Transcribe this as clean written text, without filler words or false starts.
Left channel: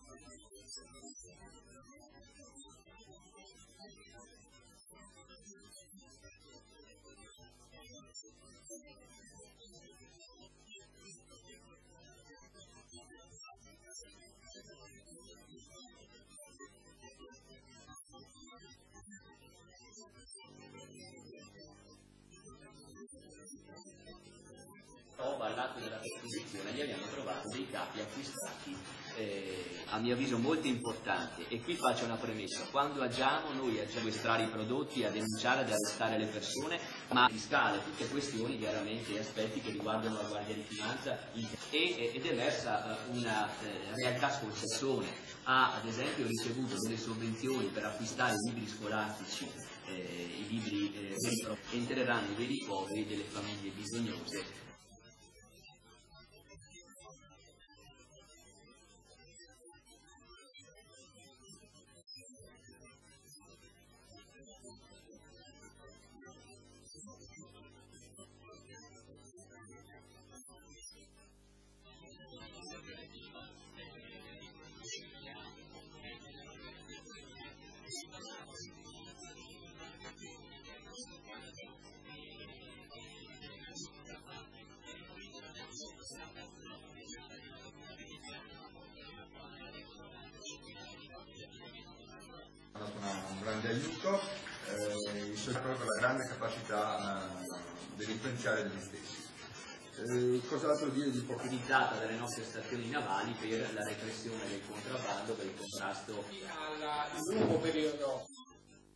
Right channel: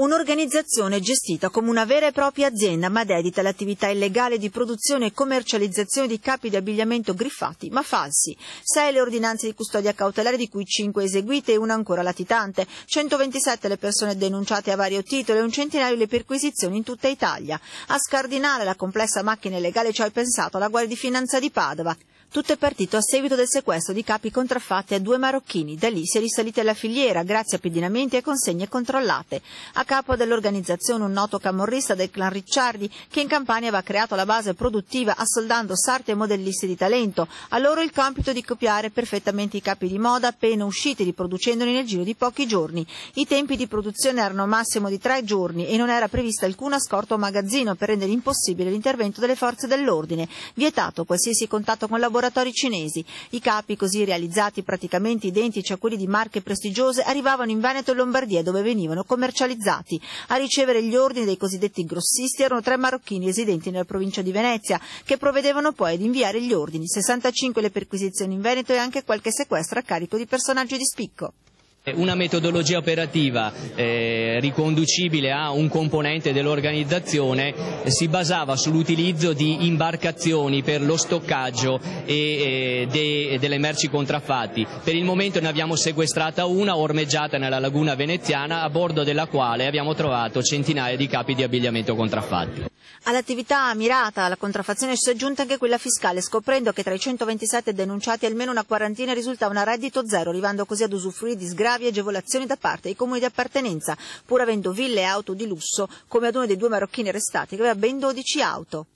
Un'organizzazione gestita come una vera e propria azienda, ma dedita all'attività illegale di produzione e commercializzazione di capi di abbigliamento griffati ma falsi. 6 le ordinanze di custodia cautelare, di cui 5 eseguite e una ancora latitante, 127 le persone denunciate a vario titolo e un centinaio le perquisizioni in tutta Italia. A scardinare la complessa macchina illegale ci ha pensato la Guardia di Finanza di Padova. Tutto è partito a seguito del sequestro di capi contraffatti a 2 marocchini. Da lì si è risalita alla filiera grazie a pedinamenti e consegne controllate. A capo dell'organizzazione un noto camorrista del clan Ricciardi, che in Campania aveva creato la base produttiva assoldando sarti e modellisti di talento. A loro il compito di copiare perfettamente i capi di moda appena usciti, riproducendoli nel giro di pochi giorni. I tempi di produzione erano massimo di 3 giorni e non era prevista alcuna scorta o magazzino per rendere impossibile l'intervento delle forze dell'ordine. Vietato qualsiasi contatto con laboratori cinesi. I capi, così realizzati praticamente identici a quelli di marche prestigiose, arrivavano in Veneto e Lombardia, dove venivano commercializzati. A ricevere gli ordini dei cosiddetti grossisti erano 3 marocchini residenti nella provincia di Venezia, che provvedevano poi ad inviare gli ordini. 65 le perquisizioni in Veneto e anche qualche sequestro a carico di personaggi di spicco. Una metodologia operativa riconducibile a un componente dell'organizzazione si basava sull'utilizzo di imbarcazioni per lo stoccaggio delle merci contraffatti. Per il momento ne abbiamo sequestrata una ormeggiata nella laguna veneziana, a bordo della quale abbiamo trovato centinaia di capi di abbigliamento contraffatti. All'attività mirata alla contraffazione si è aggiunta anche quella fiscale, scoprendo che tra i 127 denunciati almeno una quarantina risultavano a reddito zero, arrivando così ad usufruire di sgravi e agevolazioni da parte dei comuni di appartenenza, pur avendo ville e auto di lusso, come ad uno dei 2 marocchini arrestati che aveva ben 12 auto.